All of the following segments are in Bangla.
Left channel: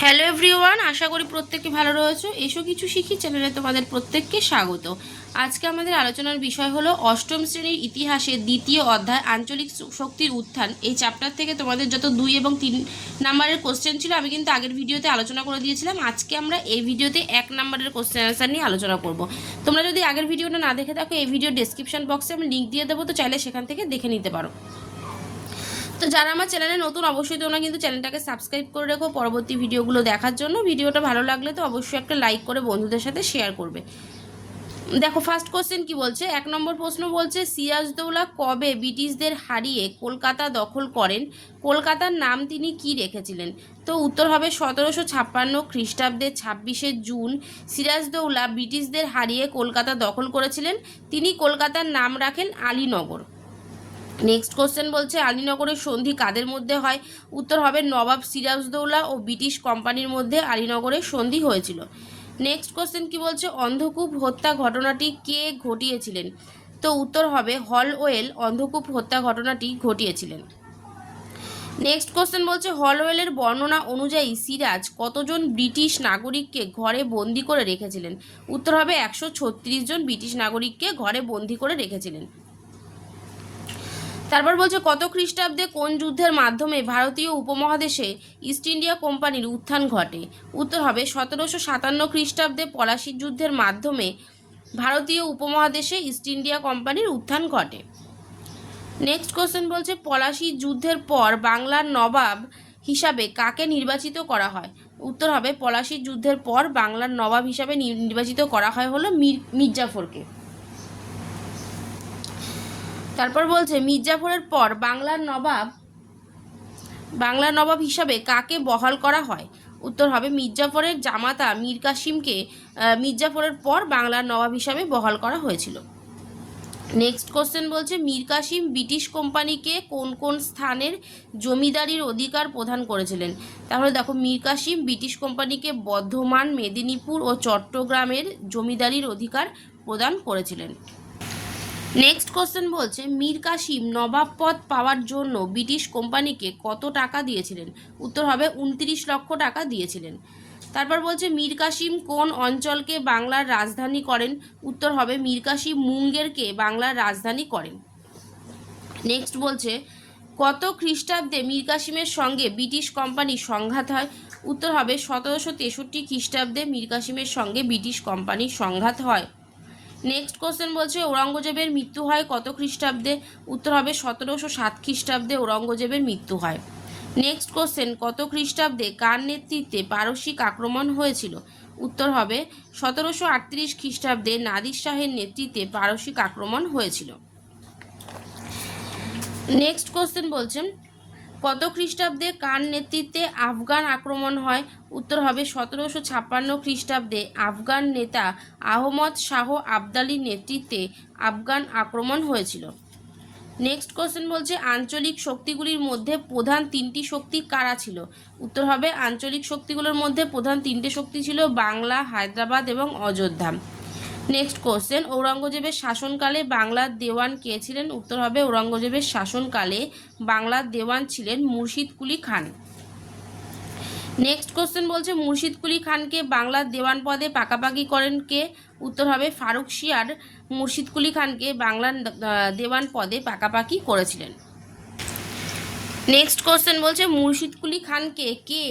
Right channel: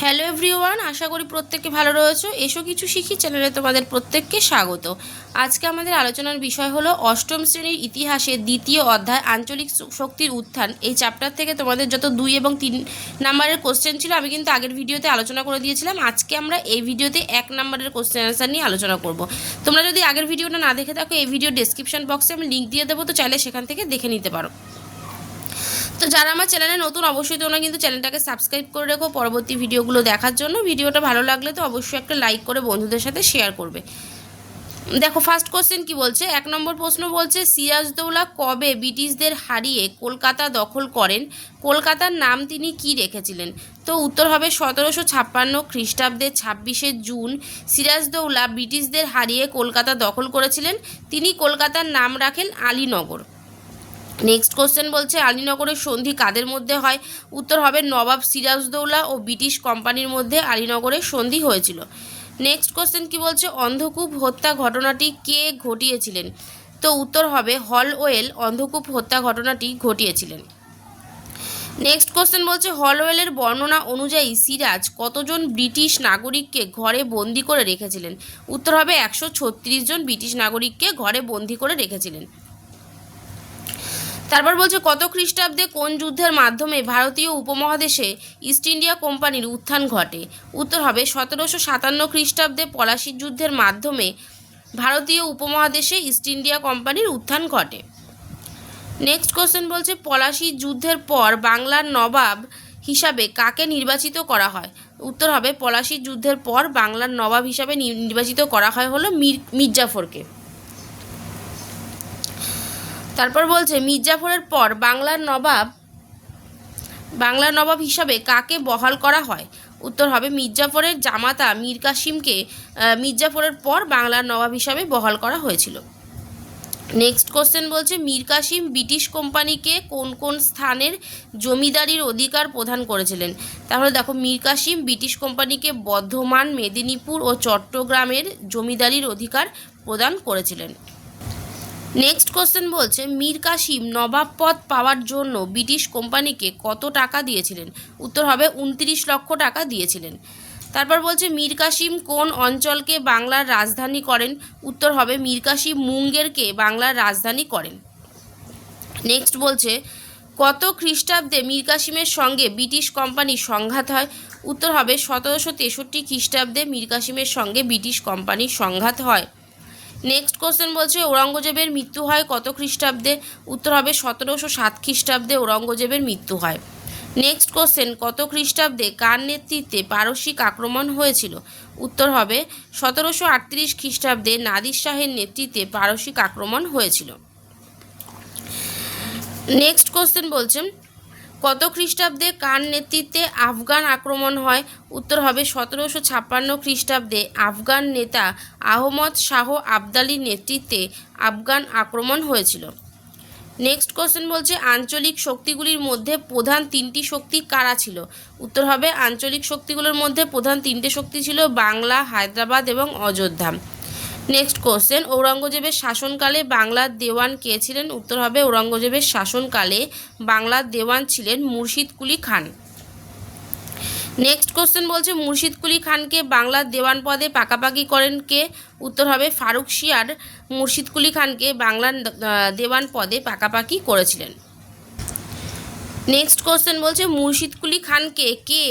হ্যালো এভরিওয়ান, আশা করি প্রত্যেককে ভালো রয়েছে। এসো কিছু শিখি, চ্যানেলে তোমাদের প্রত্যেককে স্বাগত। আজকে আমাদের আলোচনার বিষয় হলো অষ্টম শ্রেণির ইতিহাসের দ্বিতীয় অধ্যায়, আঞ্চলিক শক্তির উত্থান। এই চ্যাপ্টার থেকে তোমাদের যত দুই এবং তিন নাম্বারের কোশ্চেন ছিল, আমি কিন্তু আগের ভিডিওতে আলোচনা করে দিয়েছিলাম। আজকে আমরা এই ভিডিওতে এক নাম্বারের কোশ্চেন অ্যান্সার নিয়ে আলোচনা করব। তোমরা যদি আগের ভিডিওটা না দেখে থাকো, এই ভিডিও ডেসক্রিপশন বক্সে আমি লিঙ্ক দিয়ে দেবো, তো চাইলে সেখান থেকে দেখে নিতে পারো। তো যারা আমার চ্যানেলে নতুন, অবশ্যই তোমরা কিন্তু চ্যানেলটাকে সাবস্ক্রাইব করে রেখো পরবর্তী ভিডিওগুলো দেখার জন্য। ভিডিওটা ভালো লাগলে তো অবশ্যই একটা লাইক করে বন্ধুদের সাথে শেয়ার করবে। দেখো ফার্স্ট কোশ্চেন কি বলছে? এক নম্বর প্রশ্ন বলছে, সিরাজদৌলা কবে ব্রিটিশদের হারিয়ে কলকাতা দখল করেন? কলকাতার নাম তিনি কি রেখেছিলেন? তো উত্তর হবে সতেরোশো ছাপ্পান্ন খ্রিস্টাব্দের ছাব্বিশে জুন, সিরাজদৌলা ব্রিটিশদের হারিয়ে কলকাতা দখল করেছিলেন। তিনি কলকাতার নাম রাখেন আলীনগর। নেক্সট কোশ্চেন বলছে, আলীনগরের সন্ধি কাদের মধ্যে হয়? উত্তর হবে নবাব সিরাজদৌলা ও ব্রিটিশ কোম্পানির মধ্যে আলীনগরের সন্ধি হয়েছিল। নেক্সট কোশ্চেন কি বলছে? অন্ধকূপ হত্যা ঘটনাটি কে ঘটিয়েছিলেন? তো উত্তর হবে হলওয়েল, অন্ধকূপ হত্যা ঘটনাটি ঘটিয়েছিলেন। নেক্সট কোশ্চেন বলছে, হলওয়েলের বর্ণনা অনুযায়ী সিরাজ কতজন ব্রিটিশ নাগরিককে ঘরে বন্দি করে রেখেছিলেন? উত্তর হবে একশো ছত্রিশ জন ব্রিটিশ নাগরিককে ঘরে বন্দি করে রেখেছিলেন। তারপর বলছে, কত খ্রিস্টাব্দে কোন যুদ্ধের মাধ্যমে ভারতীয় উপমহাদেশে ইস্ট ইন্ডিয়া কোম্পানির উত্থান ঘটে? উত্তর হবে, সতেরোশো সাতান্ন খ্রিস্টাব্দে পলাশির যুদ্ধের মাধ্যমে ভারতীয় উপমহাদেশে ইস্ট ইন্ডিয়া কোম্পানির উত্থান ঘটে। নেক্সট কোশ্চেন বলছে, পলাশি যুদ্ধের পর বাংলার নবাব হিসাবে কাকে নির্বাচিত করা হয়? উত্তর হবে পলাশির যুদ্ধের পর বাংলার নবাব হিসাবে নির্বাচিত করা হয় হলো মির, মির্জাফরকে। তারপর বলছে, মির্জাফরের পর বাংলার নবাব বাংলার নবাব হিসাবে কাকে বহাল করা হয়? উত্তর হবে, মির্জাফরের জামাতা মীর কাসিমকে মির্জাফরের পর বাংলার নবাব হিসাবে বহাল করা হয়েছিল। নেক্সট কোশ্চেন বলছে, মীর কাসিম ব্রিটিশ কোম্পানিকে কোন কোন স্থানের জমিদারির অধিকার প্রদান করেছিলেন? তাহলে দেখো, মীর কাসিম ব্রিটিশ কোম্পানিকে বর্ধমান, মেদিনীপুর ও চট্টগ্রামের জমিদারির অধিকার প্রদান করেছিলেন। নেক্সট কোশ্চেন বলছে, মীর কাসিম নবাব পদ পাওয়ার জন্য ব্রিটিশ কোম্পানিকে কত টাকা দিয়েছিলেন? উত্তর হবে, উনত্রিশ লক্ষ টাকা দিয়েছিলেন। তারপর বলছে, মীর কাসিম কোন অঞ্চলকে বাংলার রাজধানী করেন? উত্তর হবে, মীর কাসিম মুঙ্গেরকে বাংলার রাজধানী করেন। নেক্সট বলছে, কত খ্রিস্টাব্দে মীর কাসিমের সঙ্গে ব্রিটিশ কোম্পানির সংঘাত হয়? উত্তর হবে, সতেরোশো তেষট্টি খ্রিস্টাব্দে মীর কাসিমের সঙ্গে ব্রিটিশ কোম্পানির সংঘাত হয়। নেক্সট কোশ্চেন বলছে, ঔরঙ্গজেবের মৃত্যু হয় কত খ্রিস্টাব্দে? উত্তর হবে, সতেরোশো সাত খ্রিস্টাব্দে ঔরঙ্গজেবের মৃত্যু হয়। নেক্সট কোশ্চেন কত খ্রিস্টাব্দে কার নেতৃত্বে পারসিক আক্রমণ হয়েছিল? উত্তর হবে, সতেরোশো আটত্রিশ খ্রিস্টাব্দে নাদির শাহের নেতৃত্বে পারসিক আক্রমণ হয়েছিল। নেক্সট কোশ্চেন বলছেন কত খ্রিস্টাব্দে কার নেতৃত্বে আফগান আক্রমণ হয়? উত্তর হবে সতেরোশো ছাপ্পান্ন খ্রিস্টাব্দে। আফগান নেতা আহমদ শাহ আবদালির নেতৃত্বে আফগান আক্রমণ হয়েছিল। নেক্সট কোশ্চেন বলছে, আঞ্চলিক শক্তিগুলির মধ্যে প্রধান তিনটি শক্তি কারা ছিল? উত্তর হবে, আঞ্চলিক শক্তিগুলোর মধ্যে প্রধান তিনটে শক্তি ছিল বাংলা, হায়দ্রাবাদ এবং অযোধ্যা। নেক্সট কোশ্চেন ঔরঙ্গজেবের শাসনকালে বাংলার দেওয়ান কে ছিলেন? উত্তর হবে ঔরঙ্গজেবের শাসনকালে বাংলার দেওয়ান ছিলেন মুর্শিদ কুলি খান। নেক্সট কোশ্চেন বলছে, মুর্শিদ কুলি খানকে বাংলার দেওয়ান পদে পাকাপাকি করেন কে? উত্তর হবে ফারুক শিয়ার। মুর্শিদ কুলি খানকে বাংলার দেওয়ান পদে পাকাপাকি করেছিলেন। নেক্সট কোশ্চেন বলছে, মুর্শিদ কুলি খানকে কে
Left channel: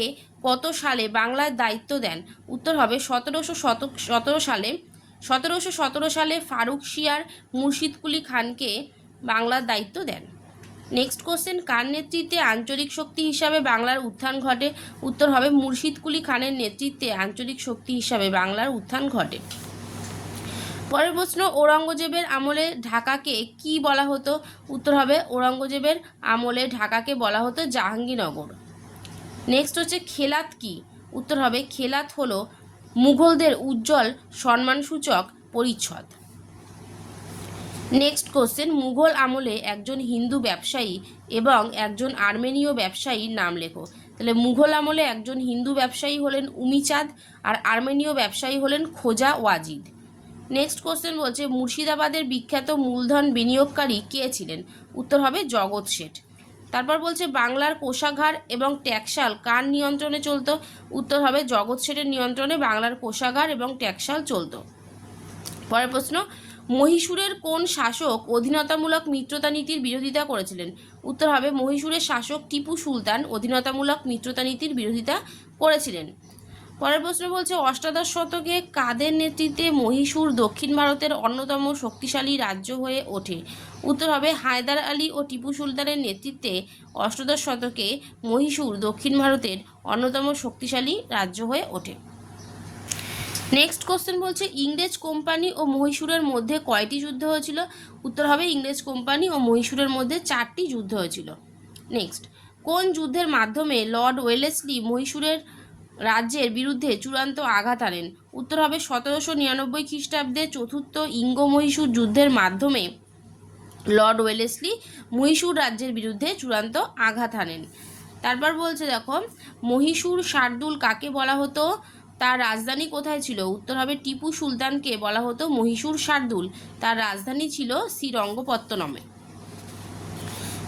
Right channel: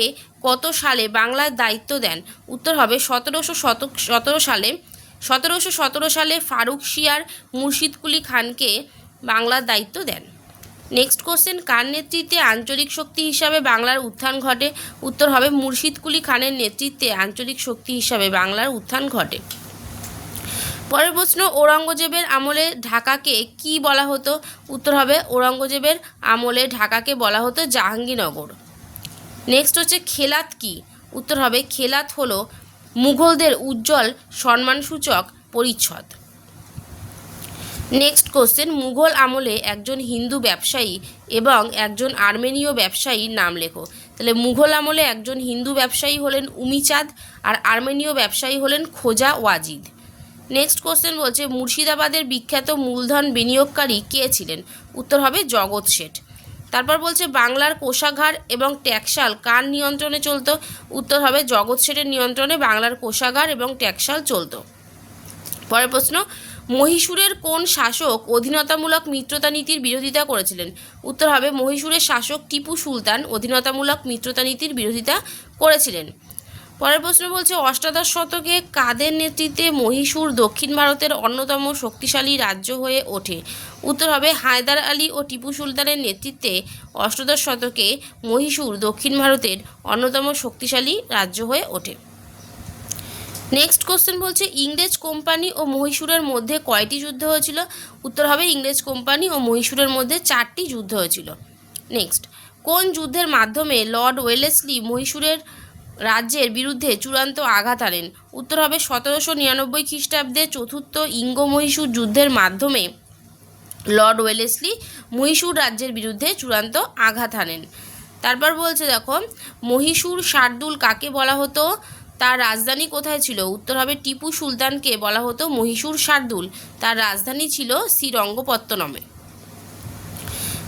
কত সালে বাংলার দায়িত্ব দেন? উত্তর হবে সতেরোশো সতেরো সালে সতেরোশো সতেরো সালে ফারুক শিয়ার মুর্শিদ কুলি খানকে বাংলার দায়িত্ব দেন। নেক্সট কোশ্চেন কার নেতৃত্বে আঞ্চলিক শক্তি হিসাবে বাংলার উত্থান ঘটে? উত্তর হবে, মুর্শিদ কুলি খানের নেতৃত্বে আঞ্চলিক শক্তি হিসাবে বাংলার উত্থান ঘটে। পরের প্রশ্ন, ঔরঙ্গজেবের আমলে ঢাকাকে কি বলা হতো? উত্তর হবে, ঔরঙ্গজেবের আমলে ঢাকাকে বলা হতো জাহাঙ্গীরনগর। নেক্সট হচ্ছে, খেলাত কি? উত্তর হবে, খেলাত হলো মুঘলদের উজ্জ্বল সম্মানসূচক পরিচ্ছদ। নেক্সট কোশ্চেন মুঘল আমলে একজন হিন্দু ব্যবসায়ী এবং একজন আর্মেনীয় ব্যবসায়ীর নাম লেখো। তাহলে মুঘল আমলে একজন হিন্দু ব্যবসায়ী হলেন উমিচাঁদ আর আর্মেনীয় ব্যবসায়ী হলেন খোজা ওয়াজিদ। নেক্সট কোশ্চেন বলছে, মুর্শিদাবাদের বিখ্যাত মূলধন বিনিয়োগকারী কে ছিলেন? উত্তর হবে জগৎ শেঠ। তারপর বলছে, বাংলার কোষাঘার এবং ট্যাক্সাল কার নিয়ন্ত্রণে চলত? উত্তর হবে, জগৎ শেঠের নিয়ন্ত্রণে বাংলার কোষাঘার এবং ট্যাক্সাল চলতো। পরের প্রশ্ন, মহীশূরের কোন শাসক অধীনতামূলক মিত্রতা নীতির বিরোধিতা করেছিলেন? উত্তর হবে, মহীশূরের শাসক টিপু সুলতান অধীনতামূলক মিত্রতা নীতির বিরোধিতা করেছিলেন। পরের প্রশ্ন বলছে, অষ্টাদশ শতকে কাদের নেতৃত্বে মহীশূর দক্ষিণ ভারতের অন্যতম শক্তিশালী রাজ্য হয়ে ওঠে? উত্তর হবে, হায়দার আলী ও টিপু সুলতানের নেতৃত্বে অষ্টাদশ শতকে মহীশূর দক্ষিণ ভারতের অন্যতম শক্তিশালী রাজ্য হয়ে ওঠে। নেক্সট কোশ্চেন বলছে, ইংরেজ কোম্পানি ও মহীশূরের মধ্যে কয়টি যুদ্ধ হয়েছিল? উত্তর হবে, ইংরেজ কোম্পানি ও মহীশূরের মধ্যে চারটি যুদ্ধ হয়েছিল। নেক্সট কোন যুদ্ধের মাধ্যমে লর্ড ওয়েলেসলি মহীশূরের রাজ্যের বিরুদ্ধে চূড়ান্ত আঘাত আনেন উত্তর হবে সতেরোশো নিরানব্বই খ্রিস্টাব্দে চতুর্থ ইঙ্গ মহীশূর যুদ্ধের মাধ্যমে লর্ড ওয়েলেসলি মহীশূর রাজ্যের বিরুদ্ধে চূড়ান্ত আঘাত হানেন। তারপর বলছে দেখো, মহীশূর শার্দুল কাকে বলা হতো? তার রাজধানী কোথায় ছিল? উত্তর হবে টিপু সুলতানকে বলা হতো মহীশূর শার্দুল। তার রাজধানী ছিল শ্রীরঙ্গপত্তনমে।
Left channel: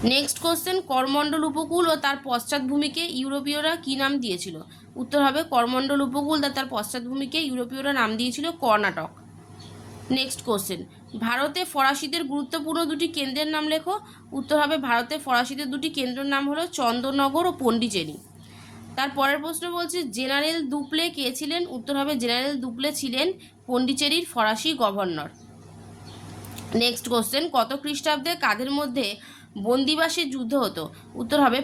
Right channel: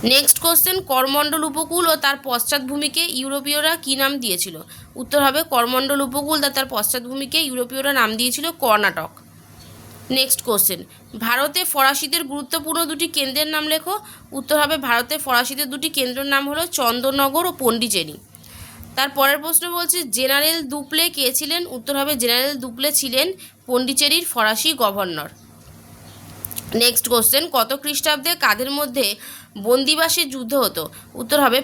নেক্সট কোশ্চেন করমণ্ডল উপকূল ও তার পশ্চাৎভূমিকে ইউরোপীয়রা কী নাম দিয়েছিল? উত্তর হবে, করমণ্ডল উপকূল তা তার পশ্চাৎভূমিকে ইউরোপীয়রা নাম দিয়েছিল কর্ণাটক। নেক্সট কোশ্চেন ভারতে ফরাসিদের গুরুত্বপূর্ণ দুটি কেন্দ্রের নাম লেখো। উত্তর হবে, ভারতে ফরাসিদের দুটি কেন্দ্রের নাম হলো চন্দননগর ও পন্ডিচেরি। তার পরের প্রশ্ন বলছে, জেনারেল দুপলে কে ছিলেন? উত্তর হবে, জেনারেল দুপলে ছিলেন পন্ডিচেরির ফরাসি গভর্নর। নেক্সট কোশ্চেন কত খ্রিস্টাব্দে কাদের মধ্যে বন্দিবাসের যুদ্ধ হতো। উত্তর হবে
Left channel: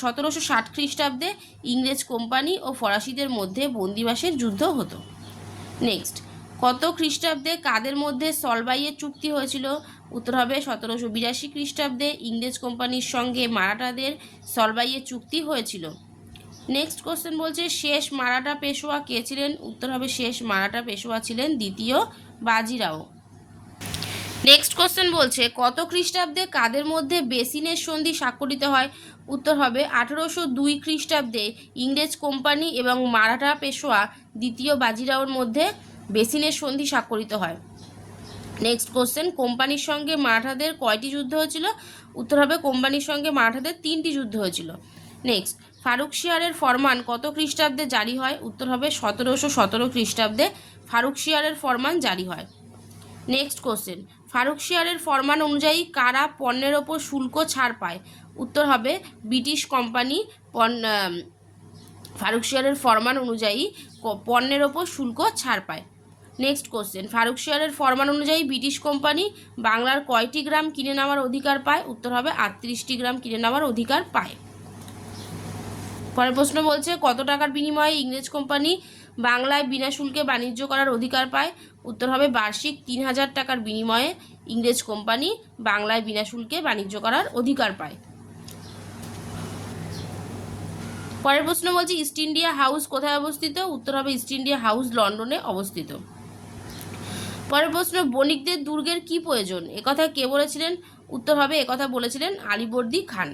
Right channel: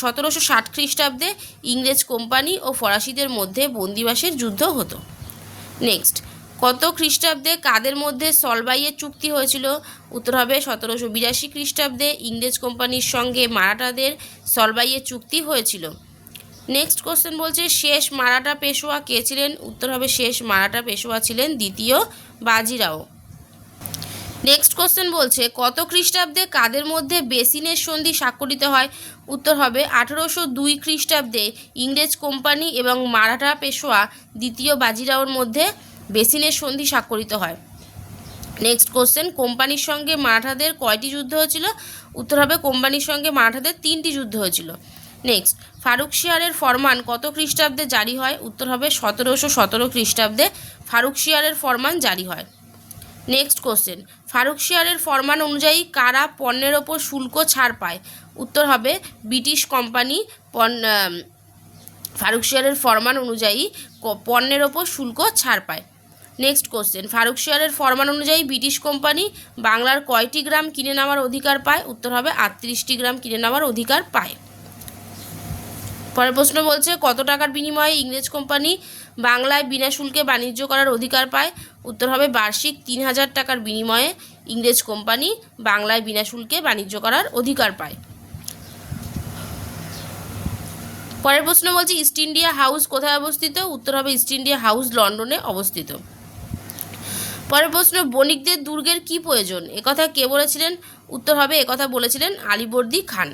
সতেরোশো ষাট খ্রিস্টাব্দে ইংরেজ কোম্পানি ও ফরাসিদের মধ্যে বন্দিবাসের যুদ্ধ হতো। নেক্সট কত খ্রিস্টাব্দে কাদের মধ্যে সলবাইয়ের চুক্তি হয়েছিল? উত্তর হবে সতেরোশো বিরাশি খ্রিস্টাব্দে ইংরেজ কোম্পানির সঙ্গে মারাঠাদের সলবাইয়ের চুক্তি হয়েছিল। নেক্সট কোশ্চেন বলছে, শেষ মারাঠা পেশোয়া কে ছিলেন? উত্তর হবে শেষ মারাঠা পেশোয়া ছিলেন দ্বিতীয় বাজিরাও। নেক্সট কোশ্চেন বলছে, কত খ্রিস্টাব্দে কাদের মধ্যে বেসিনের সন্ধি স্বাক্ষরিত হয়? উত্তর হবে, আঠেরোশো দুই খ্রিস্টাব্দে ইংরেজ কোম্পানি এবং মারাঠা পেশোয়া দ্বিতীয় বাজিরাওর মধ্যে বেসিনের সন্ধি স্বাক্ষরিত হয়। নেক্সট কোশ্চেন কোম্পানির সঙ্গে মারাঠাদের কয়টি যুদ্ধ হয়েছিল? উত্তর হবে, কোম্পানির সঙ্গে মারাঠাদের তিনটি যুদ্ধ হয়েছিল। নেক্সট ফারুক শিয়ারের ফরমান কত খ্রিস্টাব্দে জারি হয়? উত্তর হবে, সতেরোশো সতেরো খ্রিস্টাব্দে ফারুক শিয়ারের ফরমান জারি হয়। নেক্সট কোশ্চেন ফারুক শিয়ারের ফরমান অনুযায়ী কারা পণ্যের ওপর শুল্ক ছাড় পায়? উত্তর হবে ব্রিটিশ কোম্পানি ফারুক শিয়ারের ফরমান অনুযায়ী পণ্যের ওপর শুল্ক ছাড় পায়। নেক্সট কোশ্চেন ফারুক শিয়ারের ফরমান অনুযায়ী ব্রিটিশ কোম্পানি বাংলার কয়টি গ্রাম কিনে নেওয়ার অধিকার পায়? উত্তর হবে আটত্রিশটি গ্রাম কিনে নেওয়ার অধিকার পায়। পরের প্রশ্ন বলছে, কত টাকার বিনিময়ে ইংরেজ কোম্পানি বাংলায় বিনা শুল্কে বাণিজ্য করার অধিকার পায়? উত্তর হবে বার্ষিক তিন হাজার টাকার বিনিময়ে ইংরেজ কোম্পানি বাংলায় বিনা শুল্কে বাণিজ্য করার অধিকার পায়। পরের প্রশ্ন বলছে, ইস্ট ইন্ডিয়া হাউস কোথায় অবস্থিত? উত্তর হবে ইস্ট ইন্ডিয়া হাউস লন্ডনে অবস্থিত। পরের প্রশ্ন, বণিকদের দুর্গের কি প্রয়োজন? একথা কে বলেছিলেন? উত্তর হবে, একথা বলেছিলেন আলিবর্দি খান।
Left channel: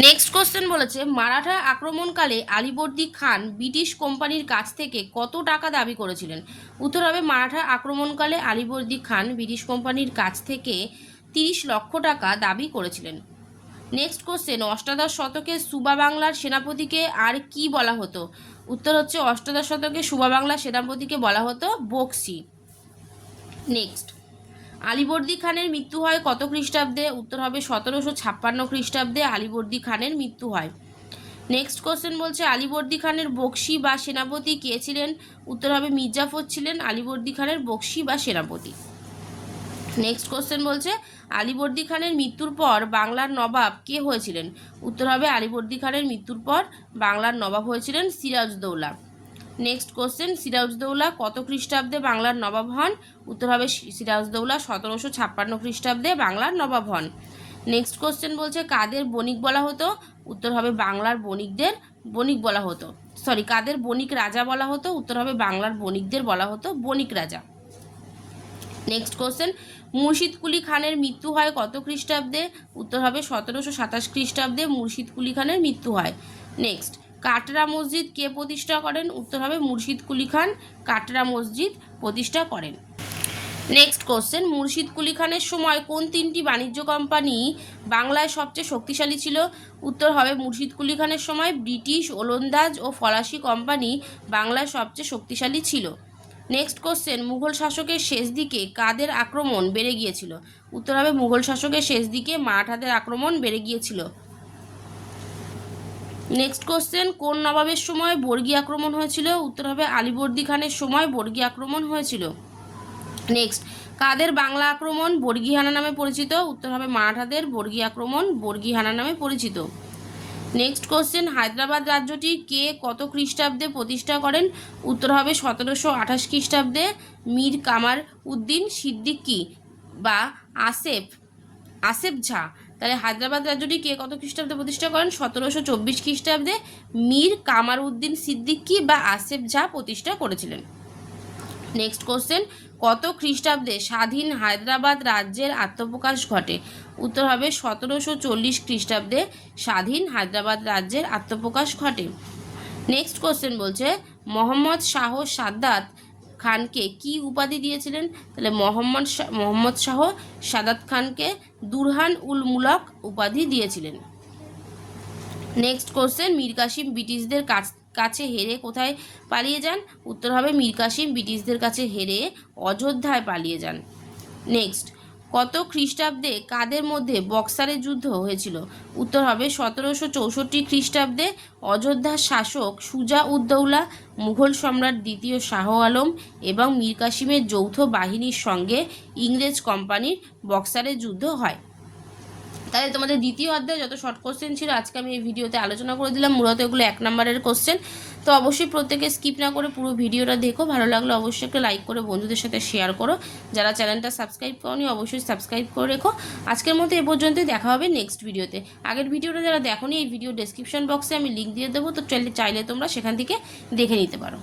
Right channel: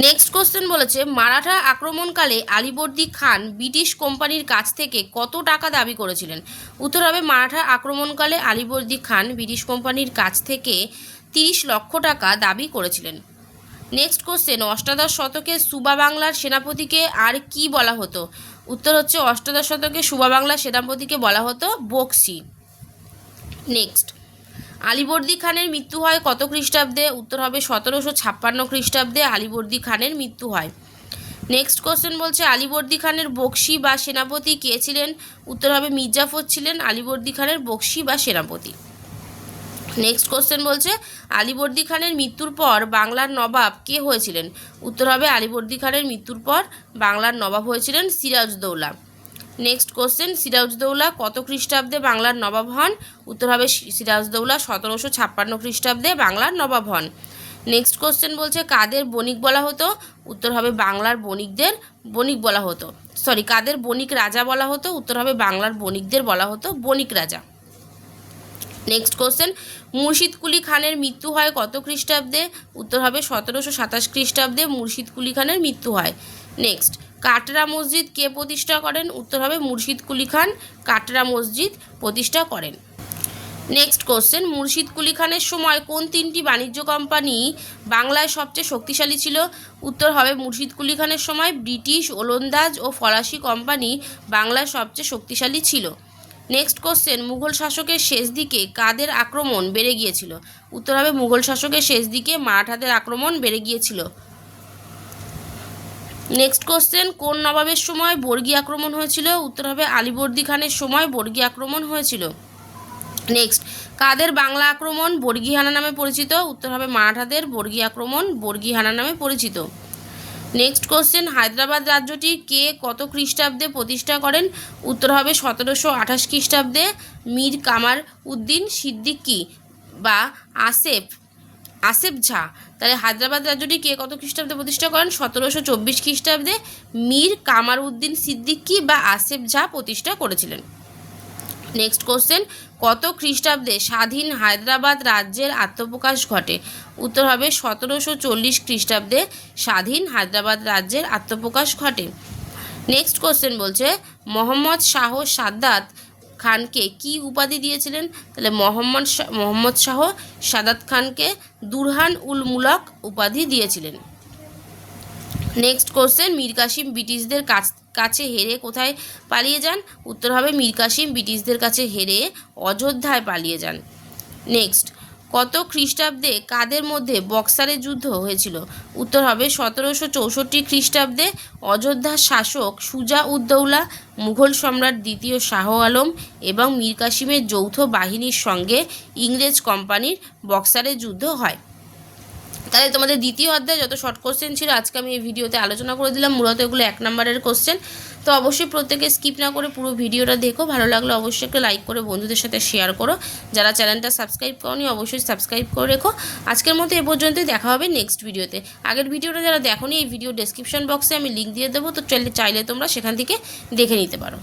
নেক্সট কোশ্চেন বলেছে, মারাঠা আক্রমণকালে আলিবর্দি খান ব্রিটিশ কোম্পানির কাছ থেকে কত টাকা দাবি করেছিলেন? উত্তর হবে, মারাঠা আক্রমণকালে আলিবর্দি খান ব্রিটিশ কোম্পানির কাছ থেকে তিরিশ লক্ষ টাকা দাবি করেছিলেন। নেক্সট কোশ্চেন অষ্টাদশ শতকে সুবা বাংলার সেনাপতিকে আর কি বলা হতো? উত্তর হচ্ছে, অষ্টাদশ শতকে সুবা বাংলার সেনাপতিকে বলা হতো বক্সি। নেক্সট আলিবর্দি খানের মৃত্যু হয় কত খ্রিস্টাব্দে? উত্তর হবে সতেরোশো ছাপ্পান্ন খ্রিস্টাব্দে আলিবর্দি খানের মৃত্যু হয়। নেক্সট কোশ্চেন বলছে, আলিবর্দি খানের বক্সি বা সেনাপতি কে ছিলেন? উত্তর হবে মির্জাফর ছিলেন আলিবর্দি খানের বক্সি বা সেনাপতি। নেক্সট কোশ্চেন বলছে, আলিবর্দি খানের মৃত্যুর পর বাংলার নবাব কে হয়েছিলেন? উত্তর হবে আলিবর্দি খানের মৃত্যুর পর বাংলার নবাব হয়েছিলেন সিরাজদৌলা। নেক্সট কোশ্চেন সিরাজদৌলা কত খ্রিস্টাব্দে বাংলার নবাব হন? উত্তর হবে সিরাজদৌলা সতেরোশো ছাপ্পান্ন খ্রিস্টাব্দে বাংলার নবাব হন। নেক্সট কোশ্চেন বলছে, কাদের বণিক বলা হতো? উত্তর হবে বাংলার বণিকদের বণিক বলা হতো। সরি কাদের বণিক রাজা বলা হতো? উত্তর হবে বাংলার বণিকদের বলা হতো বণিক রাজা। নেক্সট কোশ্চেন মুর্শিদ কুলি খানের মৃত্যু হয় কত খ্রিস্টাব্দে? উত্তর হবে সতেরোশো সাতাশ খ্রিস্টাব্দে মুর্শিদ কুলি খানের মৃত্যু হয়। নেক্সট কাটরা মসজিদ কে প্রতিষ্ঠা করেন? উত্তর হবে মুর্শিদ কুলি খান। কাটরা মসজিদ প্রতিষ্ঠা করেন। নেক্সট কোশ্চেন মুর্শিদ কুলি খানের সময় কোন তিনটি বাণিজ্য কোম্পানি বাংলায় সবচেয়ে শক্তিশালী ছিল? উত্তর হবে মুর্শিদ কুলি খানের সময় ব্রিটিশ, ওলন্দাজ ও ফরাসি কোম্পানি বাংলায় সবচেয়ে শক্তিশালী ছিল। নেক্সট কোশ্চেন মুঘল শাসকের শেষ দিকে কাদের আক্রমণ বেড়ে গিয়েছিল? উত্তর হবে মুঘল শাসকের শেষ দিকে মারাঠাদের আক্রমণ বেড়ে গিয়েছিল। নেক্সট কোশ্চেন কোন নবাবের সময় বর্গী আক্রমণ হয়েছিল? উত্তর হবে আলীবর্দী খানের সময় বর্গী আক্রমণ হয়েছিল। নেক্সট কাদের বাংলা আক্রমণ বর্গীহানা নামে পরিচিত? উত্তর হবে মারাঠাদের বর্গী আক্রমণ বর্গীহানা নামে পরিচিত। নেক্সট কোশ্চেন হায়দ্রাবাদ রাজ্যটি কে কত খ্রিস্টাব্দে প্রতিষ্ঠা করেন? উত্তর হবে সতেরোশো আঠাশ খ্রিস্টাব্দে। মীর কামার উদ্দিন সিদ্দিকী বা আসেফ আসেফ ঝা। তাহলে হায়দ্রাবাদ রাজ্যটি কে কত খ্রিস্টাব্দে প্রতিষ্ঠা করেন? সতেরোশো চব্বিশ খ্রিস্টাব্দে মীর কামার উদ্দিন সিদ্দিকী বা আসেফ ঝা প্রতিষ্ঠা করেছিলেন। নেক্সট কোশ্চেন কত খ্রিস্টাব্দে স্বাধীন হায়দ্রাবাদ রাজ্যের আত্মপ্রকাশ ঘটে? উত্তর হবে সতেরোশো চল্লিশ খ্রিস্টাব্দে স্বাধীন হায়দ্রাবাদ রাজ্যের আত্মপ্রকাশ ঘটে। নেক্সট কোশ্চেন বলছে, মোহাম্মদ শাহ সাদ্দাত খানকে কি উপাধি দিয়েছিলেন? তাহলে মোহাম্মদ মোহাম্মদ শাহ সাদাত খানকে দুরহান উল মুলক উপাধি দিয়েছিলেন। নেক্সট কোশ্চেন মীর কাসিম ব্রিটিশদের কাছ, কাছে হেরে কোথায় পালিয়ে যান? উত্তর হবে মীর কাসিম ব্রিটিশদের কাছে হেরে অযোধ্যায় পালিয়ে যান। নেক্সট কত খ্রিস্টাব্দে কাদের মধ্যে বক্সারের যুদ্ধ হয়েছিল? উত্তর হবে সতেরোশো চৌষট্টি খ্রিস্টাব্দে অযোধ্যার শাসক সুজা উদ্দৌলা মুঘল সম্রাট দ্বিতীয় শাহ আলম এবং মীর কাসিমের যৌথ বাহিনীর সঙ্গে ইংরেজ কোম্পানির বক্সারের যুদ্ধ হয়। তাহলে তোমাদের দ্বিতীয় অধ্যায় যত শর্ট কোশ্চেন ছিল, আজকে আমি এই ভিডিওতে আলোচনা করে দিলাম। মূলত এগুলো এক নম্বরের কোশ্চেন তো অবশ্যই প্রত্যেকে স্কিপ না করে পুরো ভিডিওটা দেখো। ভালো লাগলে অবশ্যই একটা লাইক করে বন্ধুদের সাথে শেয়ার করো। যারা চ্যানেলটা সাবস্ক্রাইব করনি, অবশ্যই সাবস্ক্রাইব করে রেখো। আজকের মতো এ পর্যন্তই, দেখা হবে নেক্সট ভিডিওতে আগের ভিডিওটা যারা দেখো এই ভিডিও ডেসক্রিপশন বক্সে আমি লিঙ্ক দিয়ে দেবো, তো চাইলে তোমরা সেখান থেকে দেখে নিতে পারো।